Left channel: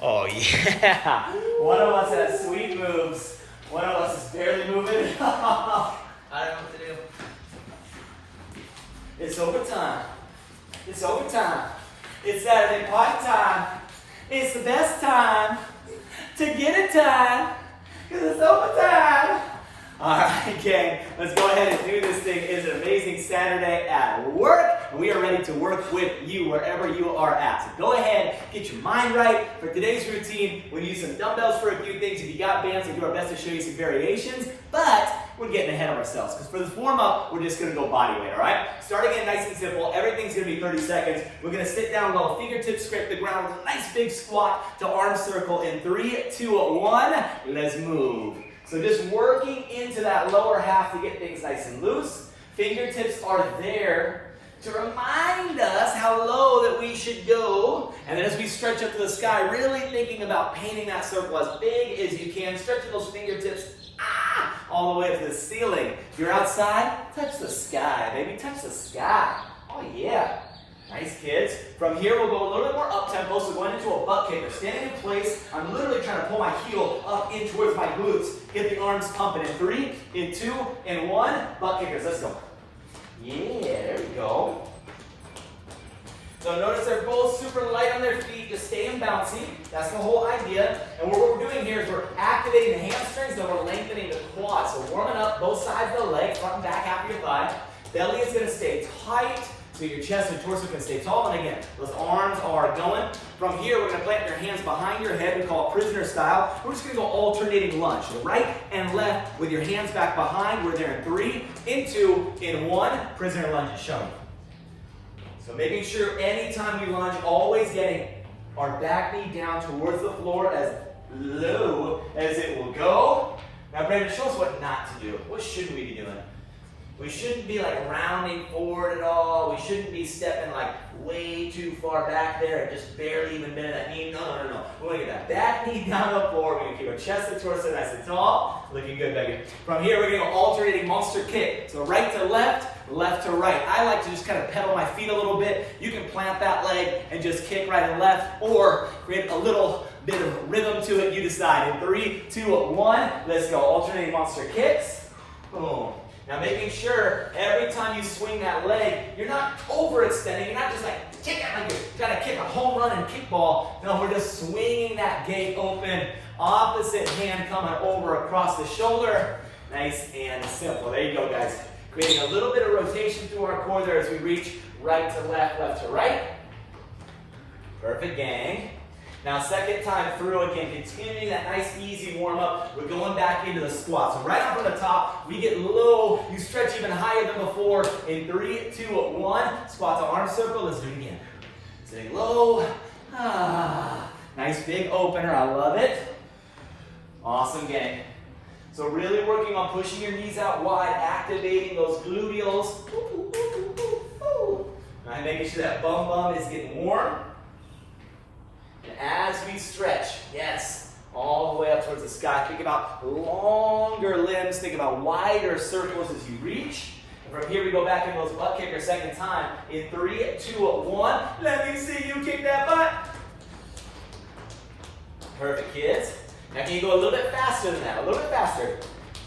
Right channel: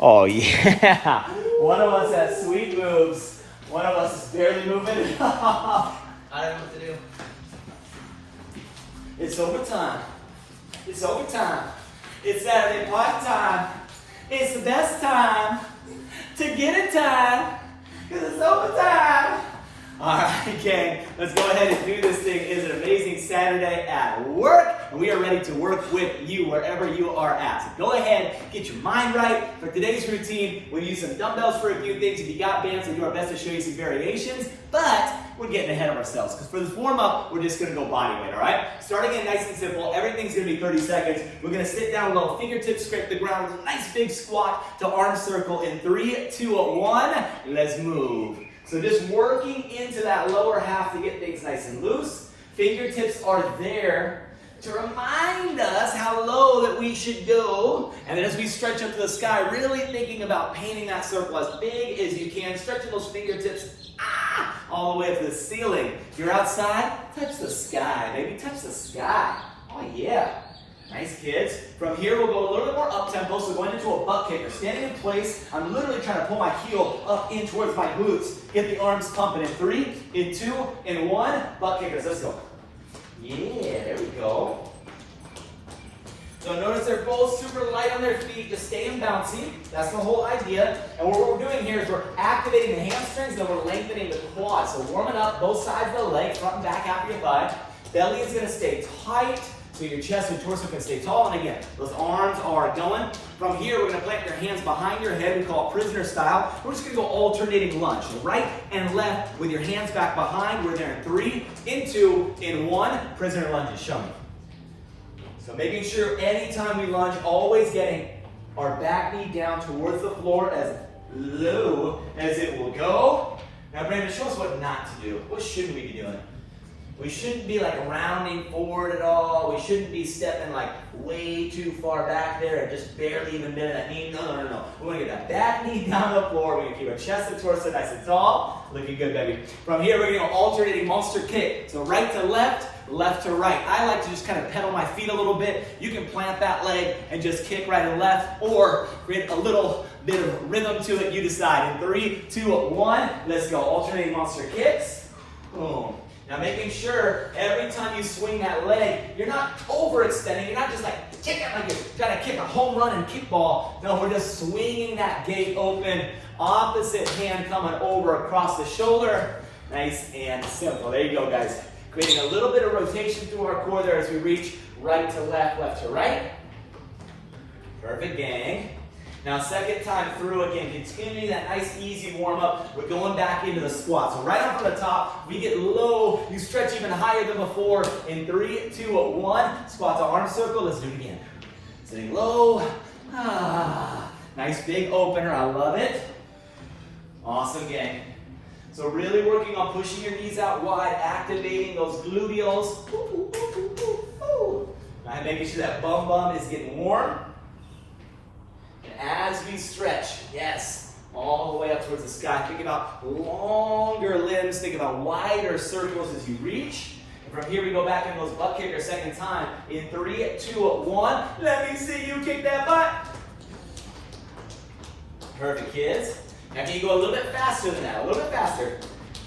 Oh, yeah. One of us has sweet moves. One of us is barely moving. I don't know what to do. It's overtime. It's overtime. It's Saturday party time. It's the best time to get it time because it's overtime. All right, gang, let's go ahead and do this thing. It's an amazing Saturday at work, and we are ready to work with you wherever you are at. So go ahead, get your mind right. For today's routine, we'll use some dumbbells for a few things. If you got bands, we'll do our best to show you some variations, but we're getting ahead of ourselves because for this warm-up, we're just going to go body weight, all right? Starting in nice and simple, everything's going to be 30 seconds. We're going to sit down low, fingertips scrape the ground with a nice big squat to arm circle in 3, 2, 1. Let's move. So just working into that lower half to get things nice and loose. Fingertips are there to remind us how low that we should go. And then as we stretch up to the sky, really thinking about painting that circle as big as you can, stretching those fingertips all the way up to the ceiling. If you're outside, touch the sky, baby. Touch the sky. Oh, yeah. Nice, kids. From here, we'll go a little bit more up-tempo, so going into a butt kicker. Standing in place, I'm literally trying to pull my heel up in towards my glutes. Get the arms pumping in 3, in 2, in 1. Butt kickers, let's go. Yeah, there we go. So notice they're both super light on their feet, just staying bouncy. That's the whole idea. And what we're doing here is we're activating the hamstrings, then we're lengthening the quads. So warming up both sides of the leg, front and back after your thigh. Belly is gonna stay tight. So your chest and torso can stay tall, and again, those arms are going. From here, we're gonna plant your hands behind your head. We call it prisoner style. We're just gonna go alternating lunge. So right and left with your hands back behind. We're there in 3, in 2, in 1. Prisoner lunge is shown. So making sure anytime we lunge, always getting our back knee down towards the floor as low as it will go. Now, Brandon, show us what not to do. What shouldn't we be doing? We shouldn't be like rounding forward at all. We shouldn't be stepping like way too far back there and just barely even bending that knee. No. We want to get that back knee down the floor. We're going to keep our chest and torso nice and tall. Looking good, baby. From here, we're going to go alternating monster kick. So right to left, left to right. I like to just kind of pedal my feet a little bit. You can plant that leg and just kick right and left or create a little bit of rhythm to it. You decide. In 3, 2, 1. Let's go. Alternating monster kicks. Boom. Now making sure every time you swing that leg, you're not overextending. You're not just like kick it like you're trying to kick a home run in kickball. No, we're just swinging that gate open. Opposite hand coming over across the shoulder. Nice and simple. There you go, guys. Creating a little bit of rotation through our core there as we reach right to left, left to right. Perfect, gang. Now, second time through, again, continue that nice, easy warm-up. We're going back into the squat. So right up from the top, we get low. You stretch even higher than before. In 3, 2, 1. Squat to arm circle. Let's do it again. Sitting low. Nice big opener. I love it. Awesome, gang. So really working on pushing your knees out wide, activating those gluteals. And making sure that bum is getting warm. As we stretch, yes, all the way up towards the sky. Think about longer limbs. Think about wider circles as you reach. And from here, we go back into those butt kickers second time. In 3, 2, 1. Let me see you kick that butt. Perfect, kids. Now, can you go a little bit faster than that? A little bit faster.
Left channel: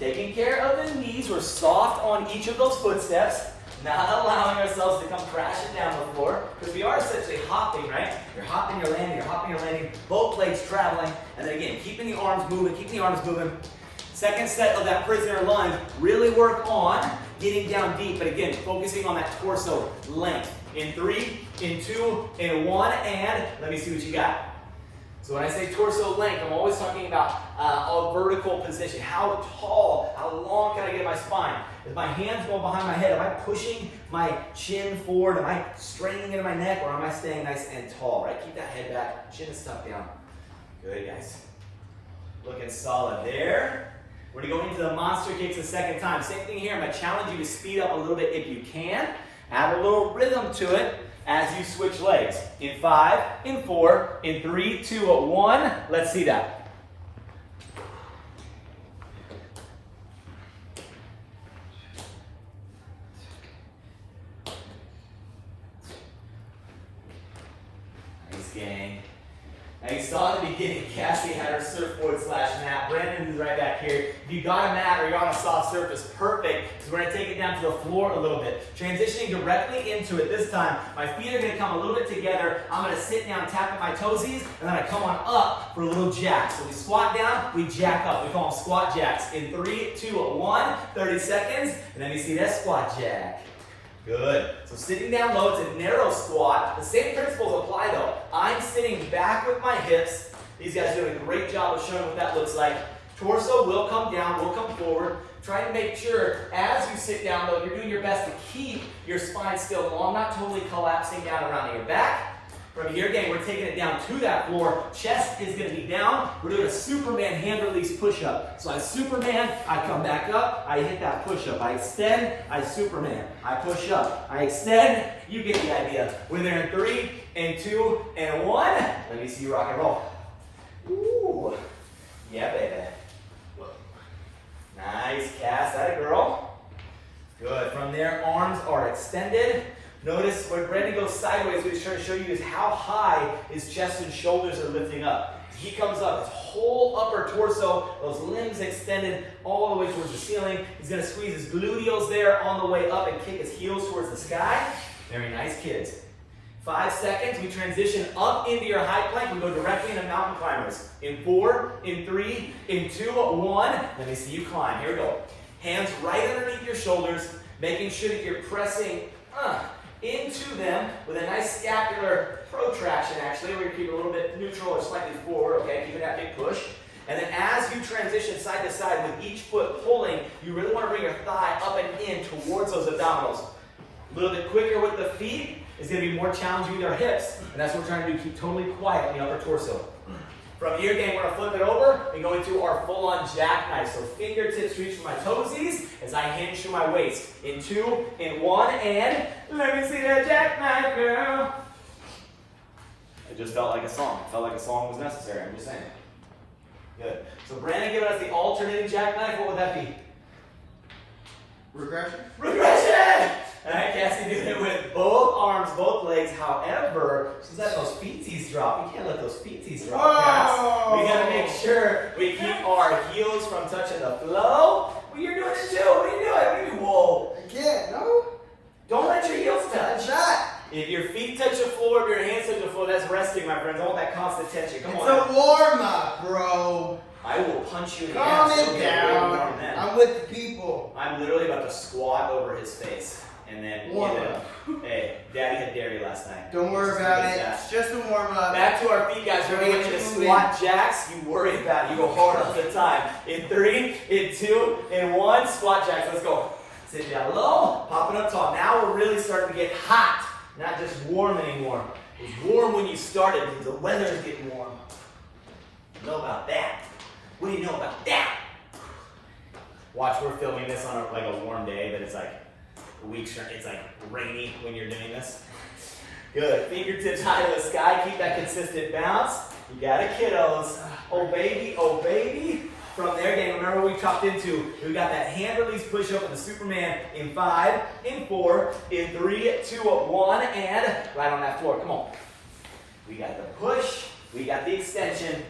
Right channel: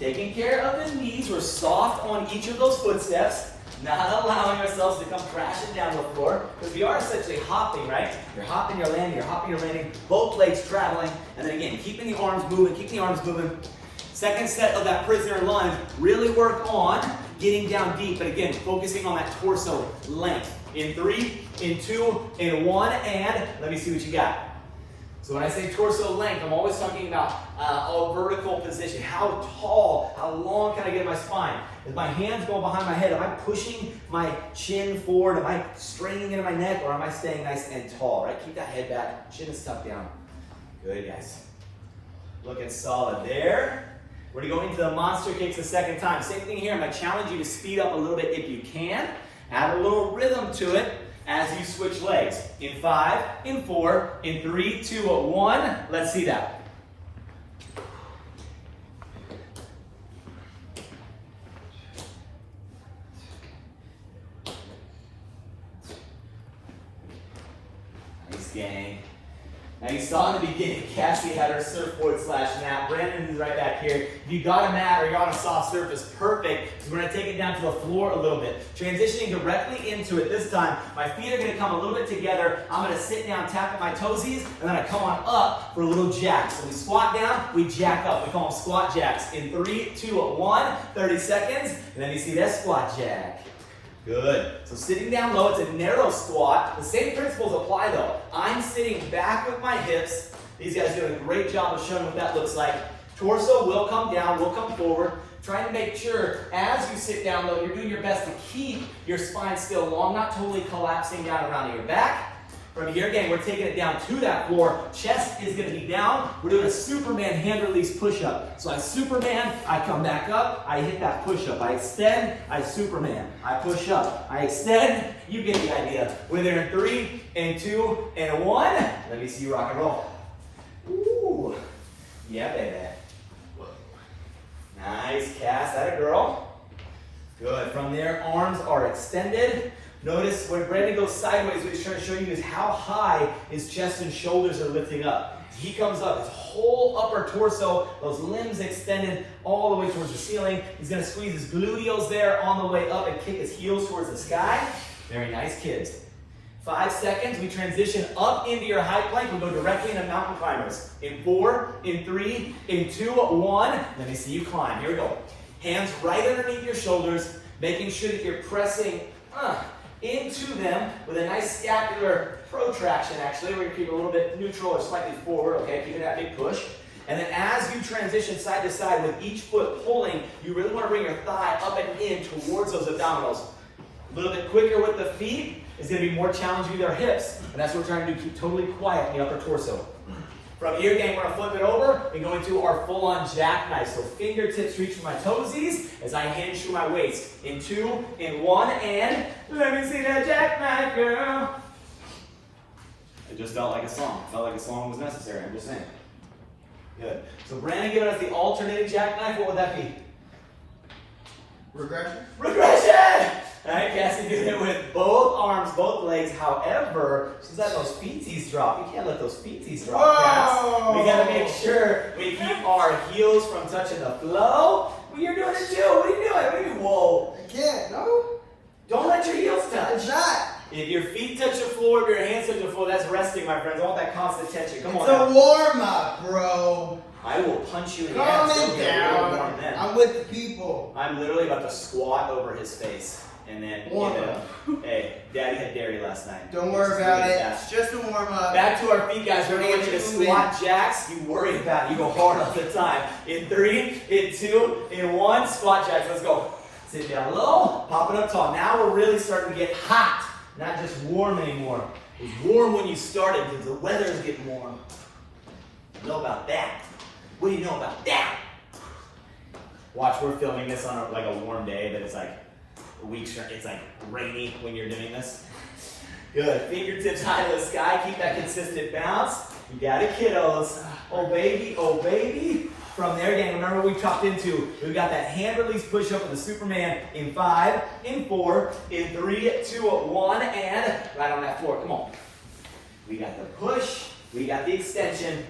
Taking care of the knees. We're soft on each of those footsteps. Not allowing ourselves to come crashing down the floor, because we are essentially hopping, right? You're hopping, you're landing, you're hopping, you're landing, both legs traveling, and then again, keeping the arms moving, keeping the arms moving. Second set of that prisoner lunge, really work on getting down deep, but again, focusing on that torso length. In 3, in 2, in 1, and let me see what you got. So when I say torso length, I'm always talking about a vertical position. How tall, how long can I get my spine? Is my hands going behind my head? Am I pushing my chin forward? Am I straining into my neck? Or am I staying nice and tall, right? Keep that head back, chin is tucked down. Good, guys. Looking solid there. We're going into the monster kicks the second time. Same thing here. I'm going to challenge you to speed up a little bit if you can. Add a little rhythm to it as you switch legs. In 5, in 4, in 3, 2, 1. Let's see that. Nice, gang. Now you saw in the beginning, Cassie had her surfboard slash mat. Brandon is right back here. If you got a mat or you're on a soft surface, perfect, because we're gonna take it down to the floor a little bit. Transitioning directly into it this time. My feet are gonna come a little bit together. I'm gonna sit down, tapping my toesies, and then I come on up for a little jack. So we squat down, we jack up. We call them squat jacks. In 3, 2, 1, 30 seconds, and then you see that squat jack. Good. So sitting down low, it's a narrow squat. The same principles apply though. I'm sitting back with my hips. These guys do a great job of showing what that looks like. Torso will come down, will come forward. Trying to make sure as you sit down though, you're doing your best to keep your spine still long, not totally collapsing down around your back. From here, again, we're taking it down to that floor. Chest is going to be down. We're doing a Superman hand release push-up. So I Superman, I come back up, I hit that push-up. I extend, I Superman. I push up, I extend. You get the idea. We're there in 3, and 2, and 1. Let me see you rock and roll. Ooh. Yeah, baby. Nice, Cass. That a girl. Good. From there, arms are extended. Notice when Brandon goes sideways, what he's trying to show you is how high his chest and shoulders are lifting up. As he comes up, his whole upper torso, those limbs extended all the way towards the ceiling. He's going to squeeze his gluteals there on the way up and kick his heels towards the sky. Very nice, kids. 5 seconds, we transition up into your high plank. We go directly into mountain climbers. In 4, in 3, in 2, 1. Let me see you climb. Here we go. Hands right underneath your shoulders, making sure that you're pressing into them with a nice scapular protraction, actually. We're going to keep it a little bit neutral or slightly forward, okay? Keeping that big push. And then as you transition side to side with each foot pulling, you really want to bring your thigh up and in towards those abdominals. A little bit quicker with the feet is going to be more challenging with our hips. And that's what we're trying to do, keep totally quiet in the upper torso. From here, again, we're going to flip it over and go into our full-on jackknife. So fingertips reach for my toesies as I hinge through my waist. In 2, in 1, and let me see that jackknife, girl. It just felt like a song. It felt like a song was necessary. I'm just saying. Good. So Brandon giving us the alternating jackknife. What would that be? Regression. Regression! All right, Cassie doing it with both arms, both legs. However, she's letting those feeties drop. You can't let those feeties drop, Cass. We got to make sure we keep our heels from touching the floor. Well, you're doing it too. What are you doing? What are you, whoa. I can't, no. Don't let your heels touch. It's not. If your feet touch the floor, if your hands touch the floor, that's resting, my friends. I want that constant tension. Come on. It's a warm-up, bro. I will punch you in the Calm ass. it down. I'm with the people. I'm literally about to squat over his face. And then, hey, Daddy had dairy last night. Don't worry about it. It's just a warm-up. Back to our feet, guys. We're going to the squat jacks. You worry about it. You go hard all the time. In 3, in 2, in 1, squat jacks. Let's go. Sit down low, pop it up tall. Now we're really starting to get hot, not just warm anymore. It was warm when you started because the weather is getting warm. You know about that? What do you know about that? Watch, we're filming this on like a warm day, but it's like it's like rainy when you're doing this. Good. Fingertips high to the sky. Keep that consistent bounce. You got it, kiddos. Oh, baby. Oh, baby. From there, again, remember we chopped into. We've got that hand release push up with the Superman in 5, in 4, in 3, 2, 1, and right on that floor. Come on. We got the push. We got the extension.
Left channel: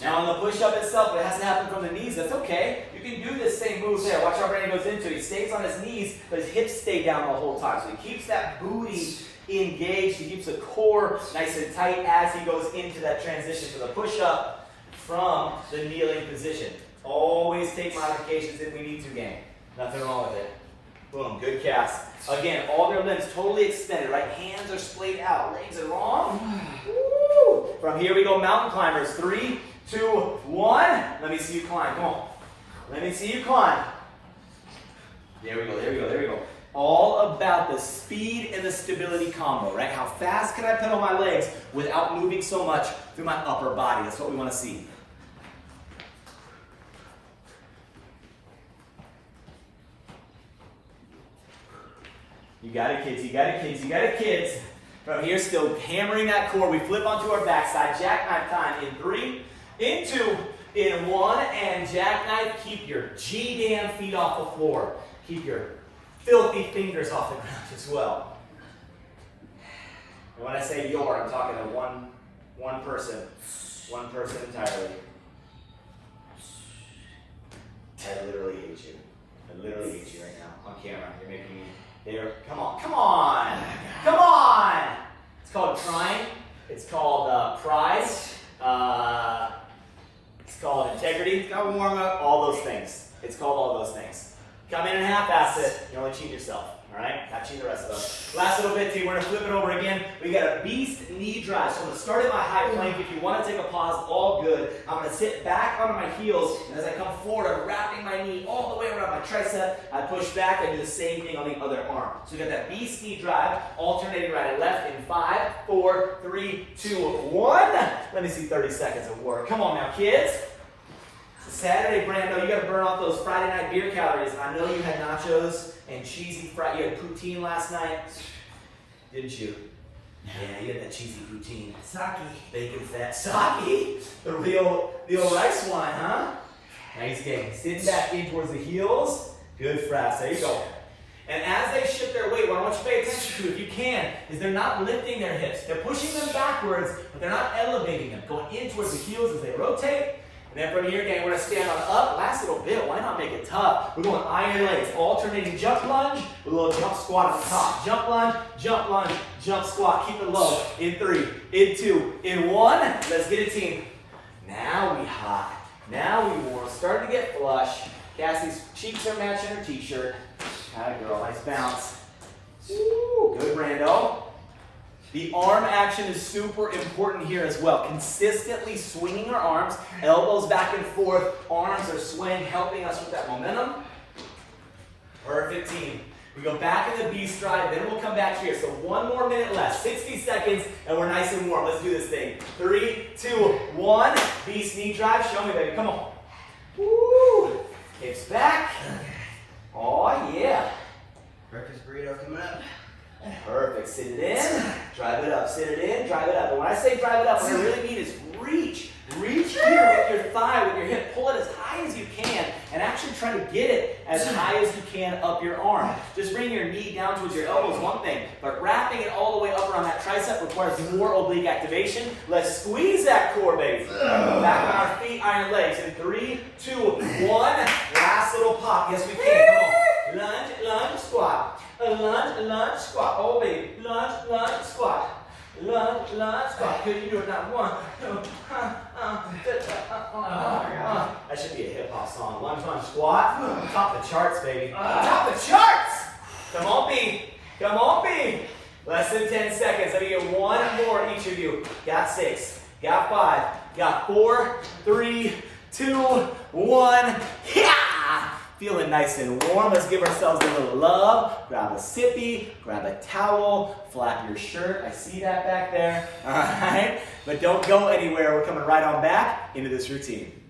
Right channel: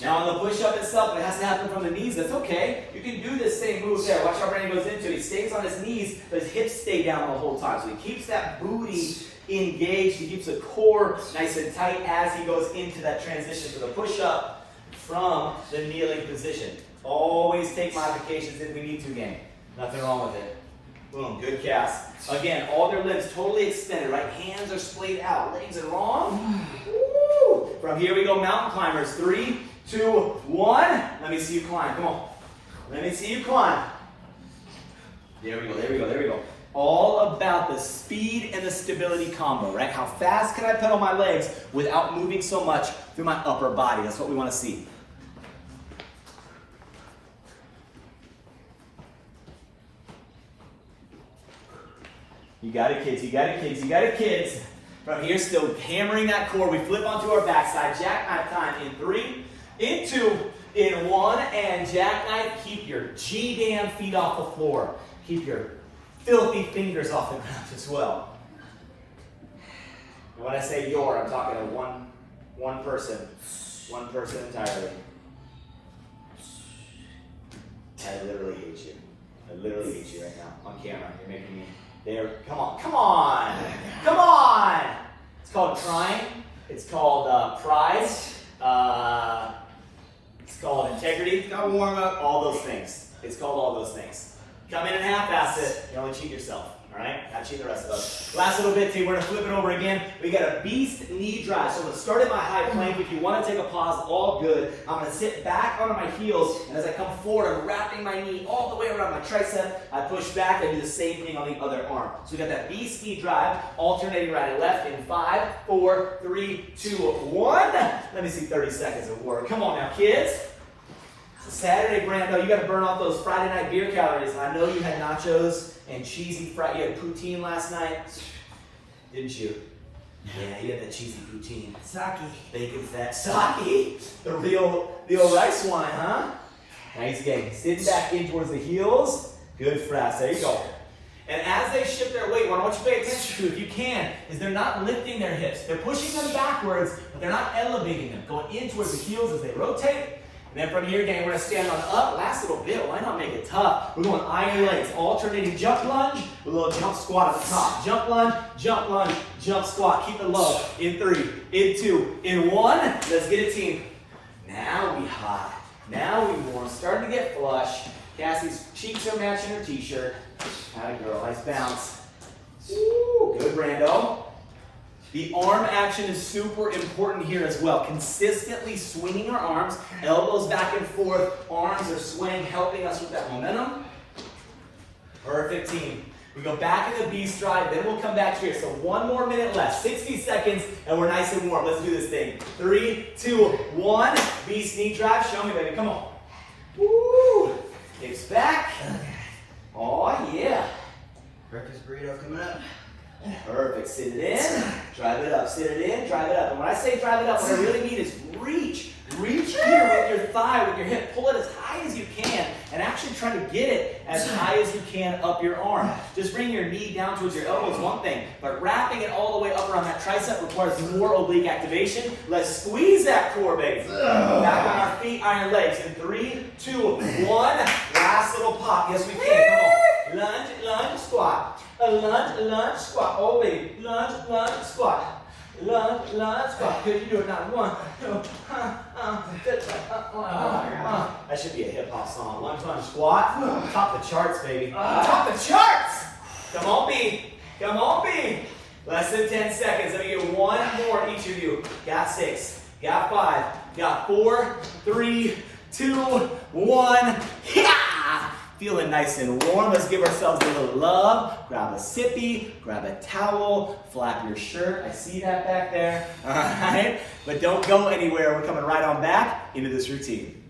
Now on the push-up itself, it has to happen from the knees. That's okay. You can do this same move there. Watch how Brandon goes into it. He stays on his knees, but his hips stay down the whole time. So he keeps that booty engaged. He keeps the core nice and tight as he goes into that transition to the push-up from the kneeling position. Always take modifications if we need to, gang. Nothing wrong with it. Boom, good cast. Again, all their limbs totally extended, right? Hands are splayed out, legs are long. Woo! From here we go, mountain climbers. 3, 2, 1. Let me see you climb. Come on. Let me see you climb. There we go, there we go, there we go. All about the speed and the stability combo, right? How fast can I pedal my legs without moving so much through my upper body? That's what we want to see. You got it, kids. You got it, kids. You got it, kids. From here, still hammering that core. We flip onto our backside. Jackknife time in 3, in 2, in 1, and jackknife. Keep your G-damn feet off the floor. Keep your filthy fingers off the ground as well. And when I say your, I'm talking a one One person entirely. I literally hate you. I literally hate you right now on camera. You're making me there. Come on, come on, come on. It's called trying. It's called pride. It's called integrity. It's got warm up. All those things. It's called all those things. Come in and half-ass it. You only cheat yourself. All right? Not cheat the rest of us. Last little bit, too. We're going to flip it over again. We got a beast knee drive. So let's start at my high plank. If you want to take a pause, all good. I'm going to sit back onto my heels, and as I come forward, I'm wrapping my knee all the way around my tricep. I push back. I do the same thing on the other arm. So we got that beast knee drive, alternating right and left in 5, 4, 3, 2, 1. Let me see 30 seconds of work. Come on now, kids. Saturday, Brando, you got to burn off those Friday night beer calories. I know you had nachos and cheesy fried. You had poutine last night, didn't you? Yeah, you had that cheesy poutine. Sake. Bacon fat sake. The real rice wine, huh? Nice game. Sitting back in towards the heels. Good frass. There you go. And as they shift their weight, what I want you to pay attention to, if you can, is they're not lifting their hips. They're pushing them backwards, but they're not elevating them. Going in towards the heels as they rotate. And then from here, again, we're going to stand on up. Last little bit, why not make it tough? We're going iron legs, alternating jump lunge with a little jump squat at the top. Jump lunge, jump squat. Keep it low. In 3, in 2, in 1. Let's get it, team. Now we hot. Now we warm. Starting to get flush. Cassie's cheeks are matching her t-shirt. Kind of girl, nice bounce. Ooh, good, Brando. The arm action is super important here as well. Consistently swinging our arms, elbows back and forth, arms are swaying, helping us with that momentum. Perfect, team. We go back in the beast drive, then we'll come back here. So 1 more minute left, 60 seconds, and we're nice and warm. Let's do this thing. 3, 2, 1. Beast knee drive. Show me, baby. Come on. Woo! Hips back. Oh, yeah. Breakfast burrito coming up. Perfect. Sit it in, drive it up. Sit it in, drive it up. And when I say drive it up, what I really mean is reach. Reach here with your thigh, with your hip. Pull it as high as you can, and actually try to get it as high as you can up your arm. Just bring your knee down towards your elbow is one thing, but wrapping it all the way up around that tricep requires more oblique activation. Let's squeeze that core, baby. Back on our feet, iron legs. In 3, 2, 1. Last little pop. Yes, we can. Come on. Lunge, lunge, squat. Lunge, lunge, squat. Oh, baby. Lunge, lunge, squat. Lunge, lunge, squat. Could you do it now? 1, 2, that should be a hip hop song. Lunge, lunge, squat. Top the charts, baby. Top the charts. Come on, B. Come on, B. Less than 10 seconds. Let me get 1 more, each of you. Got 6. Got 5. Got 4, 3, 2, 1. Yeah! Feeling nice and warm. Let's give ourselves a little love. Grab a sippy, grab a towel, flap your shirt. I see that back there. All right? But don't go anywhere. We're coming right on back into this routine.